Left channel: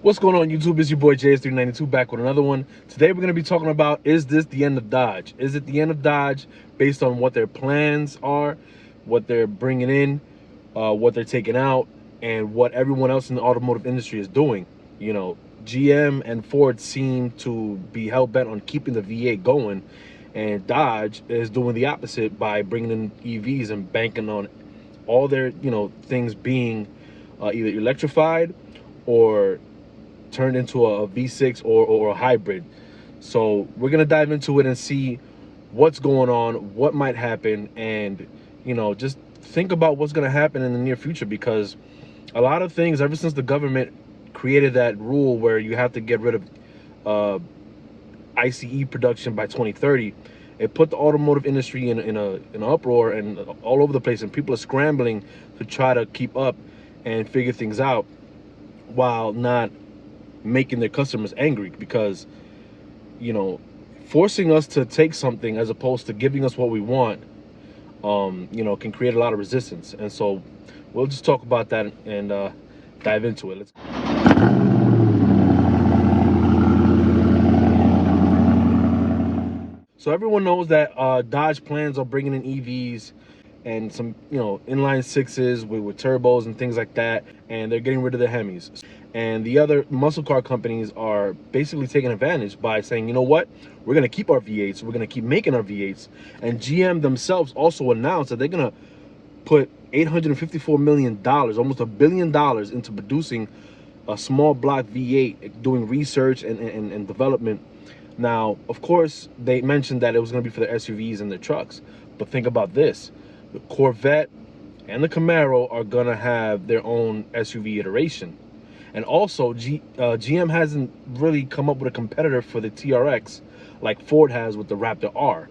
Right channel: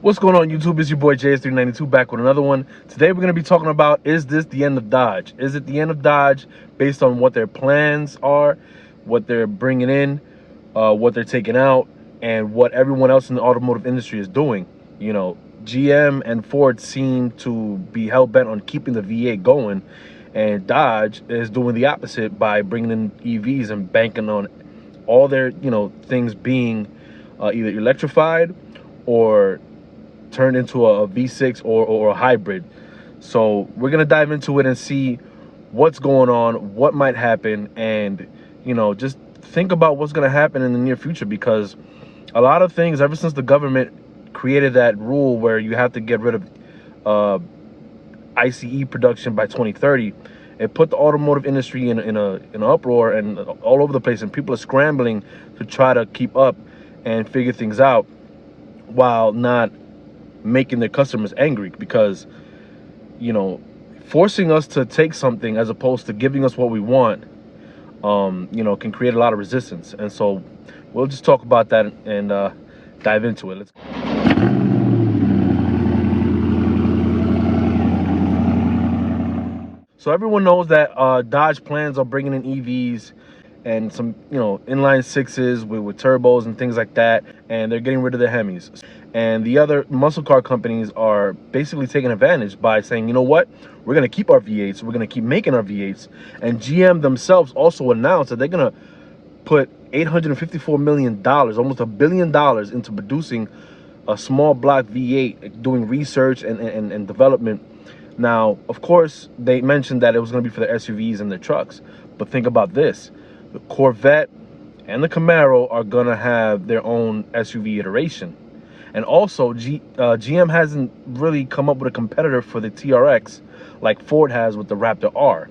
What's going on, YouTube? It's your boy JS392 back with another one. Today we're going to be talking about, is this the end of Dodge? Is it the end of Dodge based on what their plans are, what they're bringing in, what they're taking out, and what everyone else in the automotive industry is doing? You know, GM and Ford seem to be hell-bent on keeping the V8 going, and Dodge is doing the opposite by bringing in EVs and banking on all their, things being either electrified or turned into a V6 or a hybrid. So we're gonna dive into it and see what's going on, what might happen, and just think about what's gonna happen in the near future, because a lot of things, ever since the government created that rule where you have to get rid of ICE production by 2030, it put the automotive industry in an uproar and all over the place, and people are scrambling to try to keep up and figure things out while not making their customers angry, because forcing us to take something as opposed to giving us what we want can create a lot of resistance. And so we'll just talk about that and dive into it. So everyone knows that Dodge plans on bringing in EVs and some, inline sixes with turbos and things like that, and they're getting rid of the Hemis. And the other muscle car companies are basically taking advantage by saying, you know what, we're going to keep our V8s, we're going to keep making our V8s. And GM themselves also announced that they're going to put $854 million, almost $1 billion, into producing a small block V8, doing research and development. Now, of course, they mentioned that it was going to be for the SUVs and the trucks. But think about this. The Corvette and the Camaro are going to have their own SUV iteration. And also, GM hasn't really come up with a competitor for the TRX like Ford has with the Raptor R.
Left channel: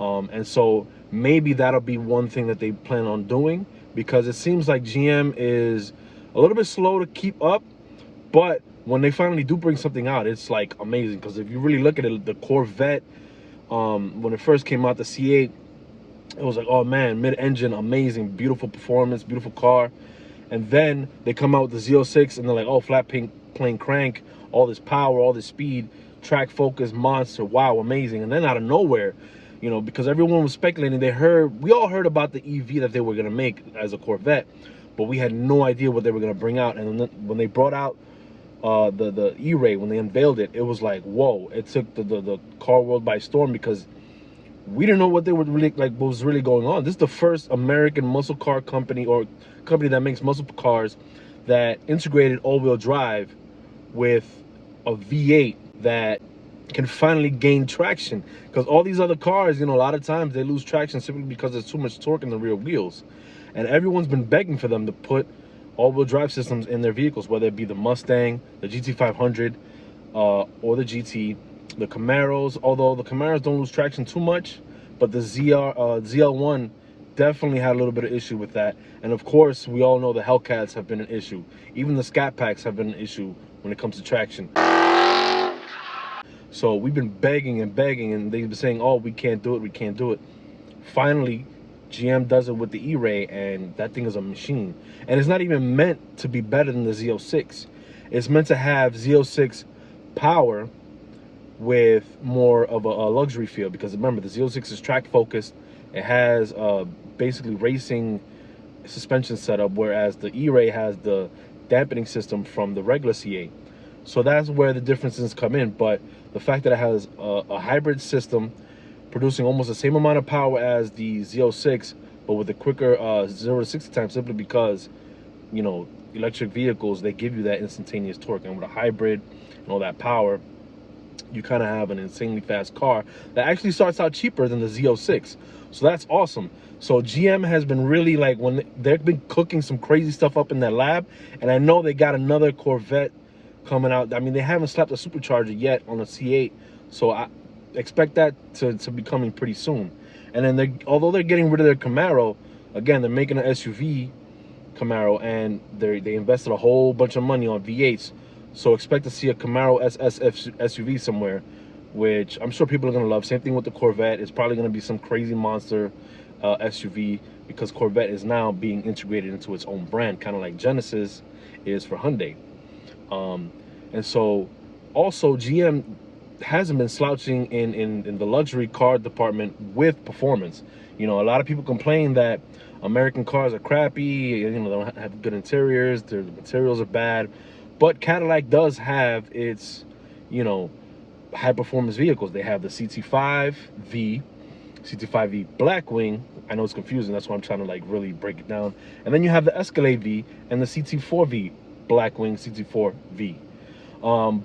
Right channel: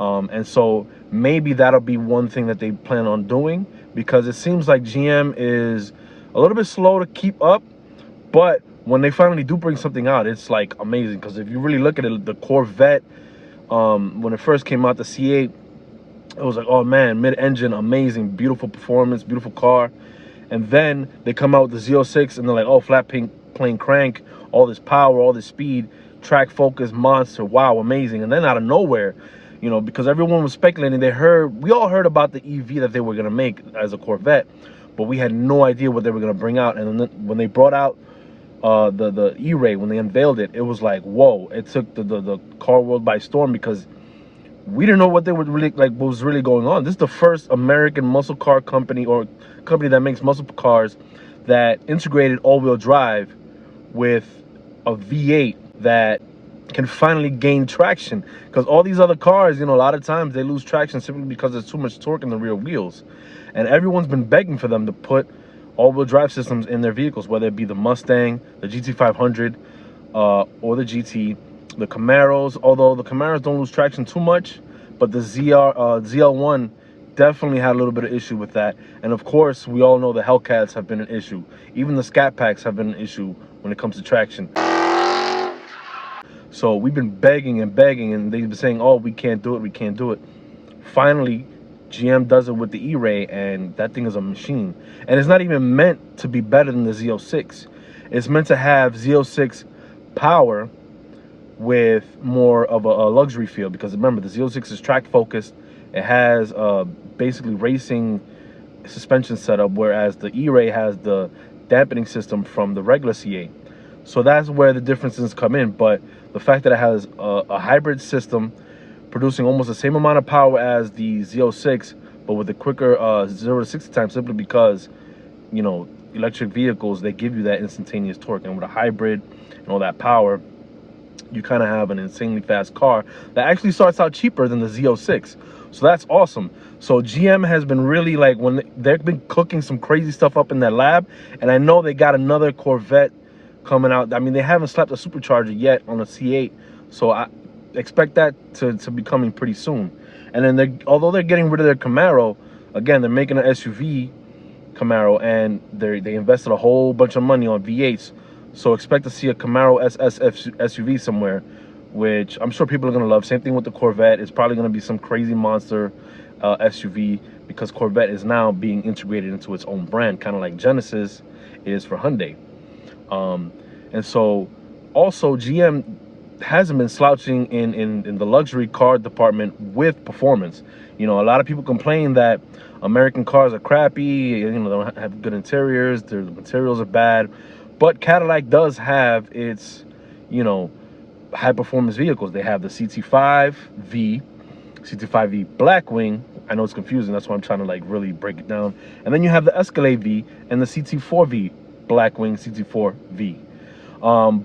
And so maybe that'll be one thing that they plan on doing, because it seems like GM is a little bit slow to keep up. But when they finally do bring something out, it's like amazing. Because if you really look at it, the Corvette, when it first came out, the C8, it was like, oh man, mid-engine, amazing, beautiful performance, beautiful car. And then they come out with the Z06 and they're like, oh, flat plane crank, all this power, all this speed, track focus, monster, wow, amazing. And then out of nowhere, because everyone was speculating, we all heard about the EV that they were going to make as a Corvette, but we had no idea what they were going to bring out. And then when they brought out the E-Ray, when they unveiled it, it was like, whoa, it took the car world by storm, because we didn't know what they were really what was really going on. This is the first American muscle car company, or company that makes muscle cars, that integrated all-wheel drive with a V8 that can finally gain traction. Because all these other cars, a lot of times they lose traction simply because there's too much torque in the rear wheels. And everyone's been begging for them to put all-wheel drive systems in their vehicles, whether it be the Mustang, the GT500, or the GT, the Camaros. Although the Camaros don't lose traction too much, but the ZL1 definitely had a little bit of issue with that. And of course, we all know the Hellcats have been an issue. Even the Scat Packs have been an issue when it comes to traction. So we've been begging and begging, and they've been saying, oh, we can't do it, we can't do it. Finally, GM does it with the E-Ray, and that thing is a machine. And it's not even meant to be better than the Z06. It's meant to have Z06 power with more of a luxury feel, because remember, the Z06 is track focused. It has basically racing suspension setup, whereas the E-Ray has the dampening system from the regular C8. So that's where the differences come in. But the fact that it has a hybrid system producing almost the same amount of power as the Z06, but with a quicker 0 to 60 time, simply because electric vehicles, they give you that instantaneous torque. And with a hybrid and all that power, you kind of have an insanely fast car that actually starts out cheaper than the Z06. So that's awesome. So GM has been really they've been cooking some crazy stuff up in that lab. And I know they got another Corvette coming out. I mean, they haven't slapped a supercharger yet on a C8. So I expect that to be coming pretty soon. And then although they're getting rid of their Camaro, again, they're making an SUV Camaro, and they invested a whole bunch of money on V8s. So expect to see a Camaro SS SUV somewhere, which I'm sure people are going to love. Same thing with the Corvette. It's probably going to be some crazy monster SUV, because Corvette is now being integrated into its own brand, kind of like Genesis is for Hyundai. And so also GM hasn't been slouching in the luxury car department with performance. You know, a lot of people complain that American cars are crappy, you know, they don't have good interiors, the materials are bad. But Cadillac does have its, you know, high performance vehicles. They have the CT5V, CT5V Blackwing. I know it's confusing, that's why I'm trying to like really break it down. And then you have the Escalade V and the CT4V Blackwing, CT4V.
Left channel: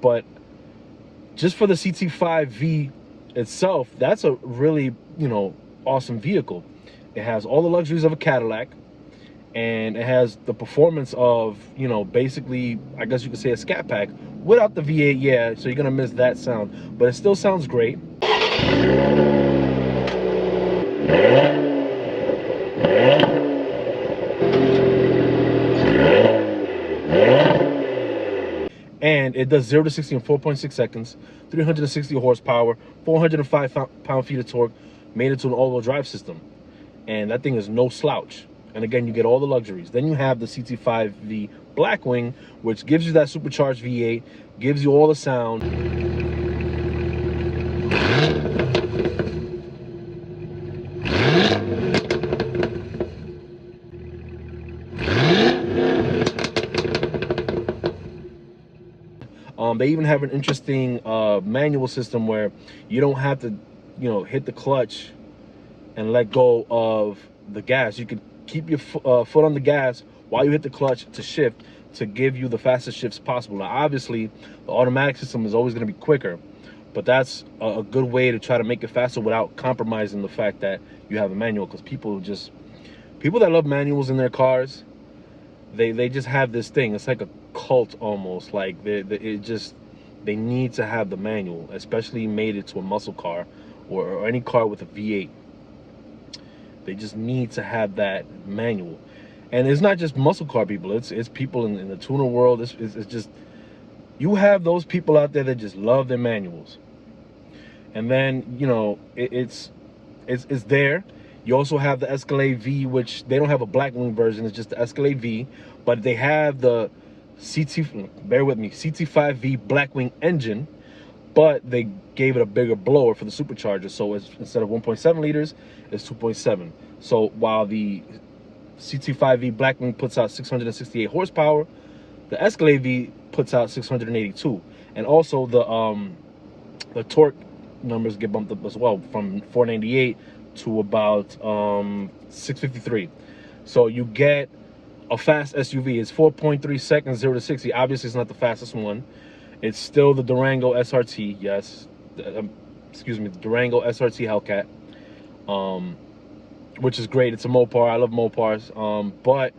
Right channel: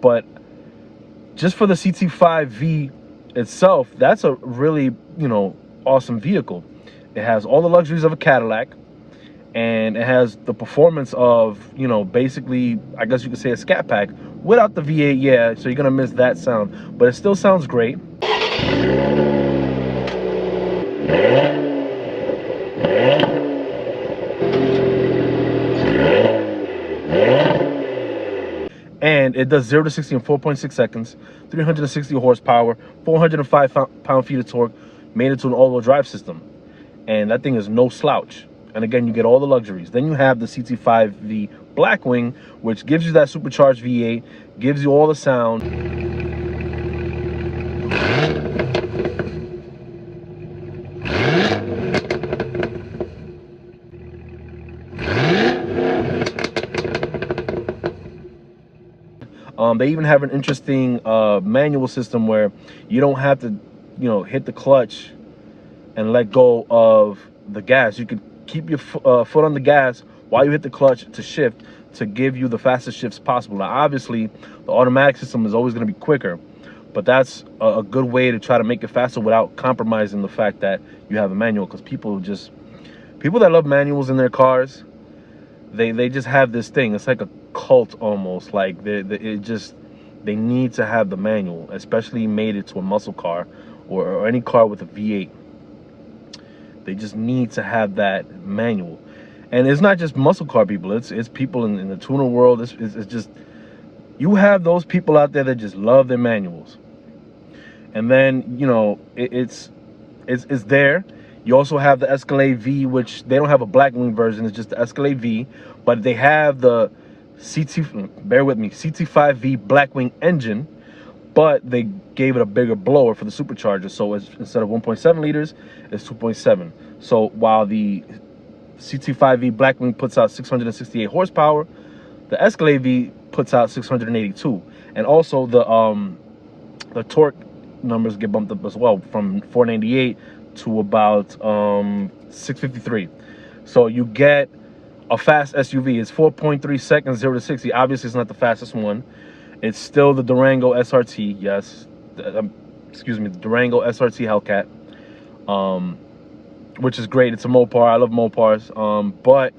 But just for the CT5V itself, that's a really, you know, awesome vehicle. It has all the luxuries of a Cadillac, and it has the performance of, you know, basically, I guess you could say a Scat Pack without the V8, yeah, so you're gonna miss that sound, but it still sounds great. And it does 0 to 60 in 4.6 seconds, 360 horsepower, 405 pound-feet of torque, made it to an all-wheel drive system. And that thing is no slouch. And again, you get all the luxuries. Then you have the CT5V Blackwing, which gives you that supercharged V8, gives you all the sound. They even have an interesting manual system where you don't have to, you know, hit the clutch and let go of the gas. You could keep your foot on the gas while you hit the clutch to shift, to give you the fastest shifts possible. Now, obviously, the automatic system is always going to be quicker, but that's a good way to try to make it faster without compromising the fact that you have a manual. Because people that love manuals in their cars, they just have this thing. It's like a cult almost. Like they need to have the manual, especially made it to a muscle car or any car with a V8. They just need to have that manual. And it's not just muscle car people. It's people in the tuner world. It's just, you have those people out there that just love their manuals. And then, you know, it's there. You also have the Escalade V, which they don't have a Blackwing version. It's just the Escalade V. But they have the CT5V Blackwing engine, but they gave it a bigger blower for the supercharger. So instead of 1.7 liters, it's 2.7. So while the CT5V Blackwing puts out 668 horsepower, the Escalade V puts out 682. And also the torque numbers get bumped up as well, from 498 to about 653. So you get a fast SUV. It's 4.3 seconds, 0 to 60. Obviously, it's not the fastest one. It's still the Durango SRT, yes. Excuse me, the Durango SRT Hellcat, which is great. It's a Mopar. I love Mopars. But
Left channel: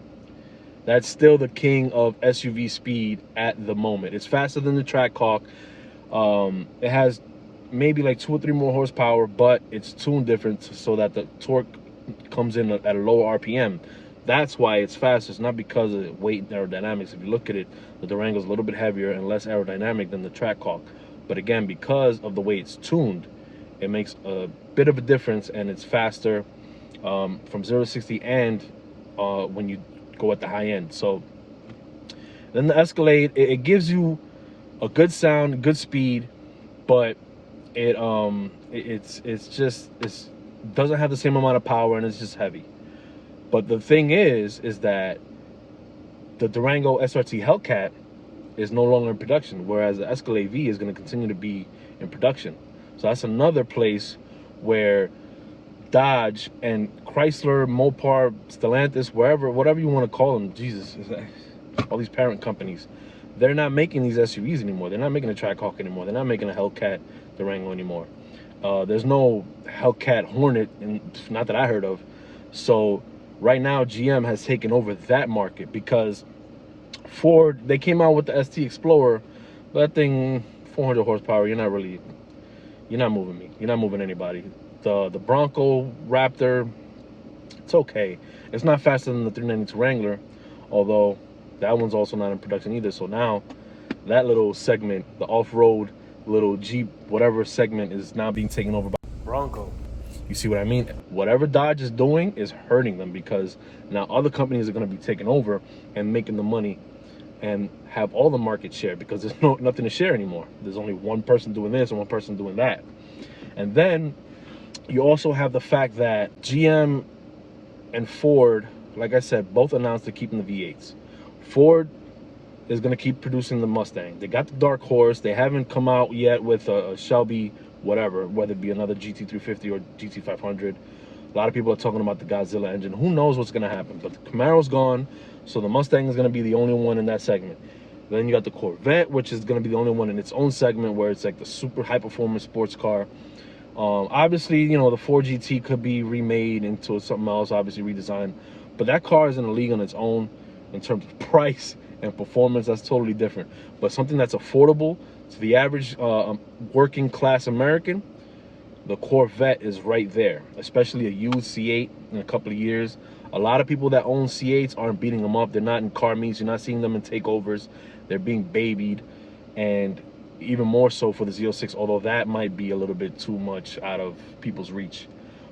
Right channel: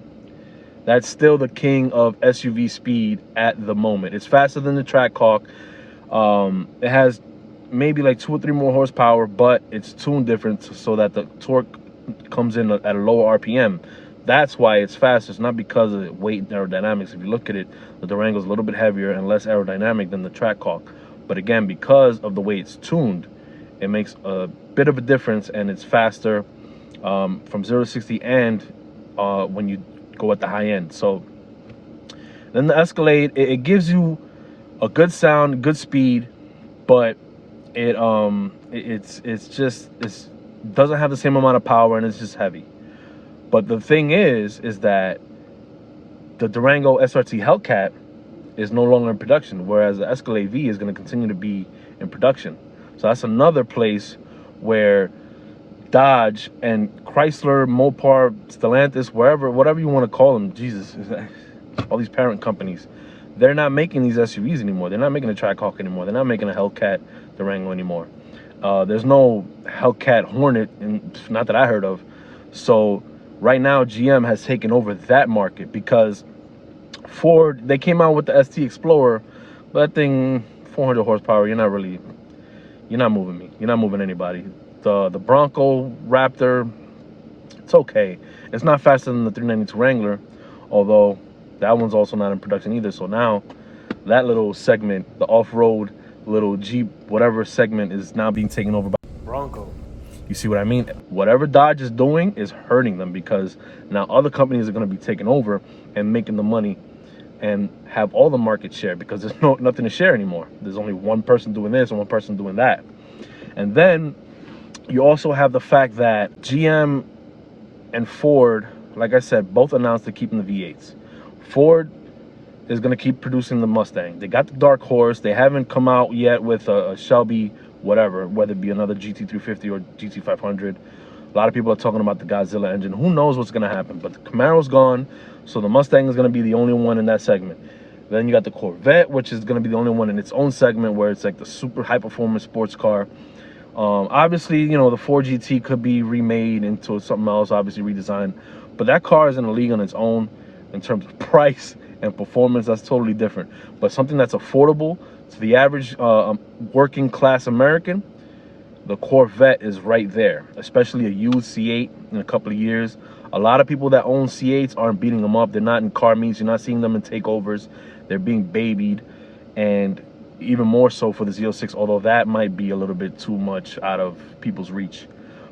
that's still the king of SUV speed at the moment. It's faster than the Trackhawk. It has maybe like 2 or 3 more horsepower, but it's tuned different so that the torque comes in at a lower RPM. That's why it's faster. It's not because of weight and aerodynamics. If you look at it, the Durango is a little bit heavier and less aerodynamic than the Trackhawk. But again, because of the way it's tuned, it makes a bit of a difference, and it's faster from 0 to 60 and when you go at the high end. So then the Escalade, it gives you a good sound, good speed, but it doesn't have the same amount of power, and it's just heavy. But the thing is that the Durango SRT Hellcat is no longer in production, whereas the Escalade V is going to continue to be in production. So that's another place where Dodge and Chrysler, Mopar, Stellantis, whatever you want to call them, Jesus, all these parent companies, they're not making these SUVs anymore. They're not making a Trackhawk anymore. They're not making a Hellcat Durango anymore. There's no Hellcat Hornet, not that I heard of. So right now, GM has taken over that market, because Ford, they came out with the ST Explorer. That thing, 400 horsepower, you're not moving me. You're not moving anybody. The Bronco Raptor, it's okay. It's not faster than the 392 Wrangler, although that one's also not in production either. So now that little segment, the off-road little Jeep, whatever segment, is now being taken over by Bronco. You see what I mean? Whatever Dodge is doing is hurting them, because now other companies are going to be taking over and making the money and have all the market share, because there's nothing to share anymore. There's only one person doing this and one person doing that. And then you also have the fact that GM and Ford, like I said, both announced they're keeping the V8s. Ford is going to keep producing the Mustang. They got the Dark Horse. They haven't come out yet with a Shelby, whatever, whether it be another GT350 or GT500. A lot of people are talking about the Godzilla engine. Who knows what's going to happen? But the Camaro's gone, so the Mustang is going to be the only one in that segment. Then you got the Corvette, which is going to be the only one in its own segment, where it's like the super high-performance sports car. Obviously, you know, the 4GT could be remade into something else, obviously redesigned. But that car is in a league on its own in terms of price and performance. That's totally different. But something that's affordable to the average working class American, the Corvette is right there, especially a used C8 in a couple of years. A lot of people that own C8s aren't beating them up. They're not in car meets. You're not seeing them in takeovers. They're being babied. And even more so for the Z06, although that might be a little bit too much out of people's reach.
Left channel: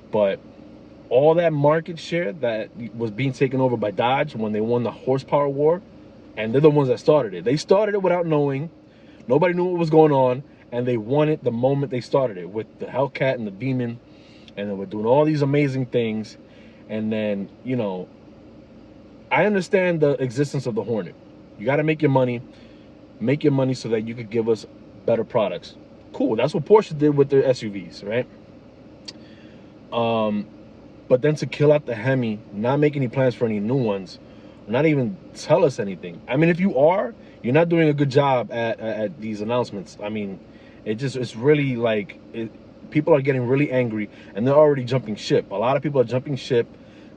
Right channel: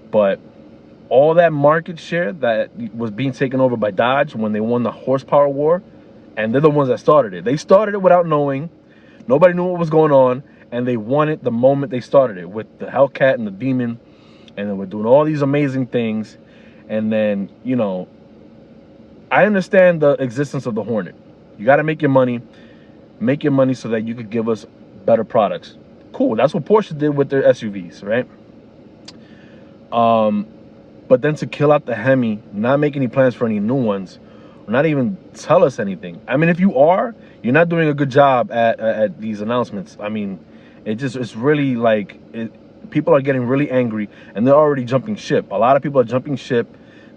But all that market share that was being taken over by Dodge when they won the horsepower war, and they're the ones that started it. They started it without knowing. Nobody knew what was going on, and they won it the moment they started it with the Hellcat and the Demon, and they were doing all these amazing things. And then, you know, I understand the existence of the Hornet. You got to make your money so that you could give us better products. Cool, that's what Porsche did with their SUVs, right? But then to kill out the Hemi, not make any plans for any new ones, not even tell us anything. I mean, if you are, you're not doing a good job at these announcements. I mean, it's really like, people are getting really angry, and they're already jumping ship. A lot of people are jumping ship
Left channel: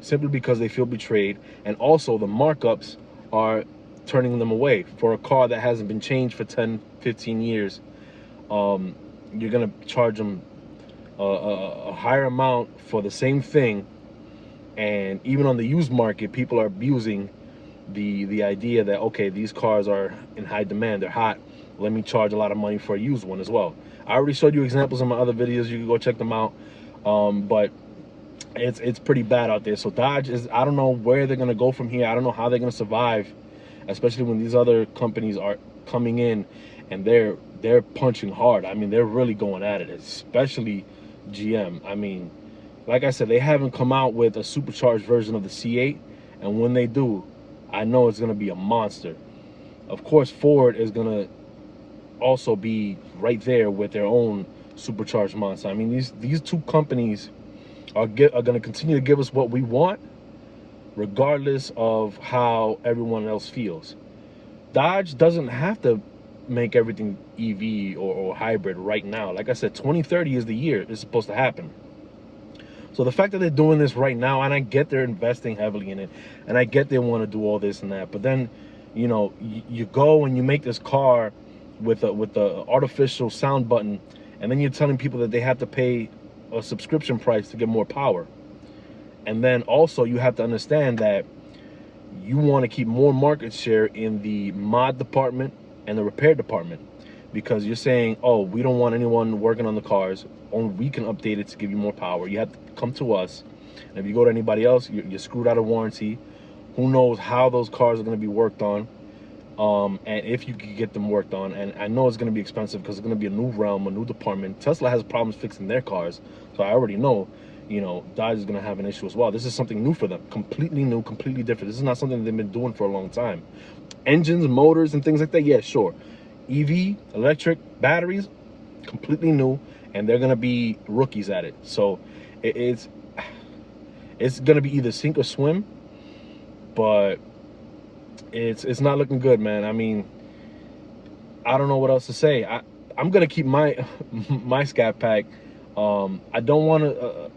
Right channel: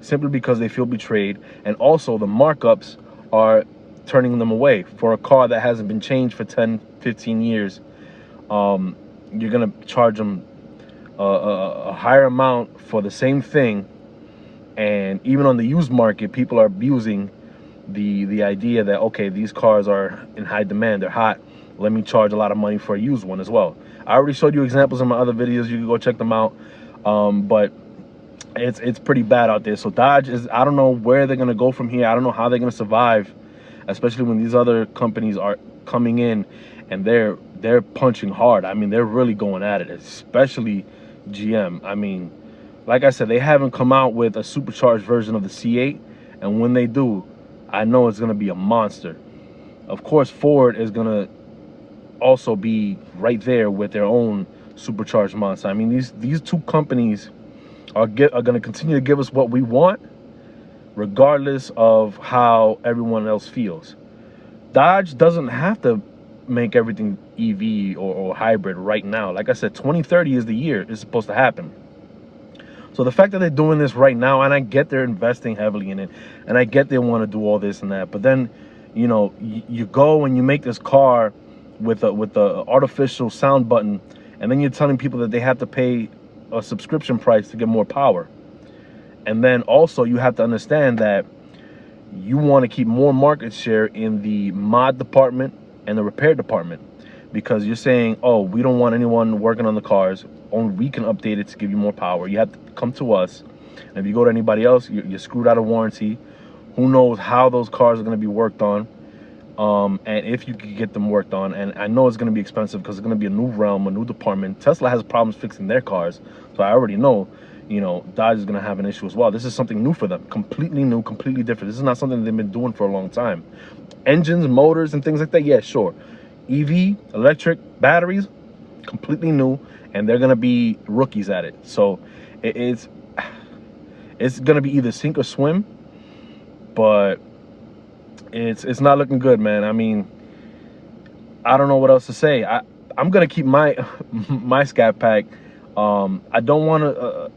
simply because they feel betrayed, and also the markups are turning them away. For a car that hasn't been changed for 10, 15 years, you're gonna charge them a higher amount for the same thing. And even on the used market, people are abusing the idea that, okay, these cars are in high demand, they're hot, let me charge a lot of money for a used one as well. I already showed you examples in my other videos. You can go check them out. But it's pretty bad out there. So Dodge is, I don't know where they're gonna go from here. I don't know how they're gonna survive, especially when these other companies are coming in and they're punching hard. I mean, they're really going at it, especially GM. I mean, like I said, they haven't come out with a supercharged version of the C8, and when they do, I know it's gonna be a monster. Of course, Ford is gonna also be right there with their own supercharged monster. I mean, these two companies are going to continue to give us what we want, regardless of how everyone else feels. Dodge doesn't have to make everything EV or hybrid right now. Like I said, 2030 is the year it's supposed to happen. So the fact that they're doing this right now, and I get they're investing heavily in it, and I get they want to do all this and that, but then, you know, you go and you make this car with the artificial sound button, and then you're telling people that they have to pay a subscription price to get more power. And then also you have to understand that you want to keep more market share in the mod department and the repair department, because you're saying, oh, we don't want anyone working on the cars, only we can update it to give you more power. You have to come to us, and if you go to anybody else, you're screwed out of warranty. Who knows how those cars are going to be worked on, and if you could get them worked on. And I know it's going to be expensive because it's going to be a new realm, a new department. Tesla has problems fixing their cars, so I already know, you know, Dodge is going to have an issue as well. This is something new for them, completely new, completely different. This is not something they've been doing for a long time. Engines, motors, and things like that, yeah, sure. EV, electric, batteries, completely new, and they're going to be rookies at it. So it's going to be either sink or swim, but it's not looking good, man. I mean, I don't know what else to say. I'm gonna keep my my Scat Pack. I don't want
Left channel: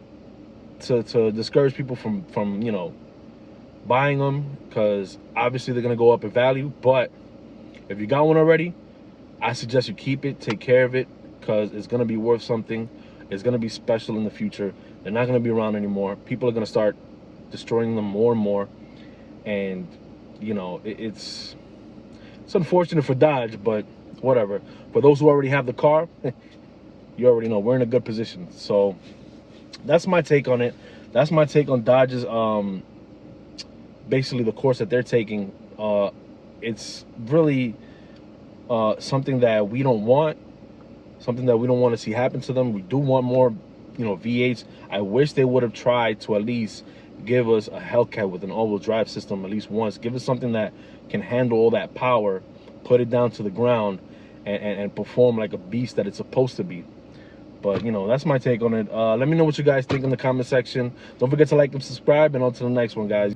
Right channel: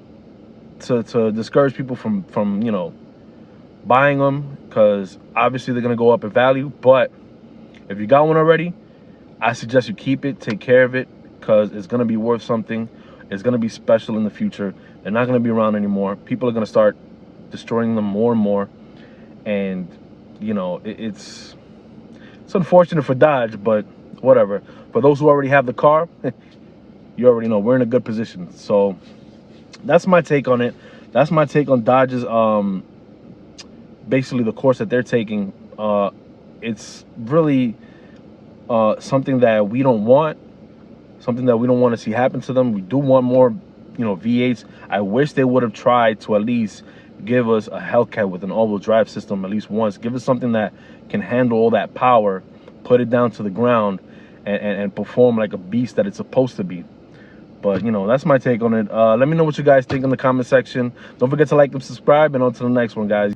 to discourage people from you know, buying them, because obviously they're gonna go up in value. But if you got one already, I suggest you keep it, take care of it, because it's gonna be worth something. It's gonna be special in the future. They're not gonna be around anymore. People are gonna start destroying them more and more, and you know, it's unfortunate for Dodge, but whatever. For those who already have the car, you already know we're in a good position. So that's my take on it. That's my take on Dodge's basically the course that they're taking it's really something that we don't want, something that we don't want to see happen to them. We do want more, V8s. I wish they would have tried to at least give us a Hellcat with an all-wheel drive system at least once. Give us something that can handle all that power, put it down to the ground, and perform like a beast that it's supposed to be. But, that's my take on it. Let me know what you guys think in the comment section. Don't forget to like and subscribe, and on to the next one, guys.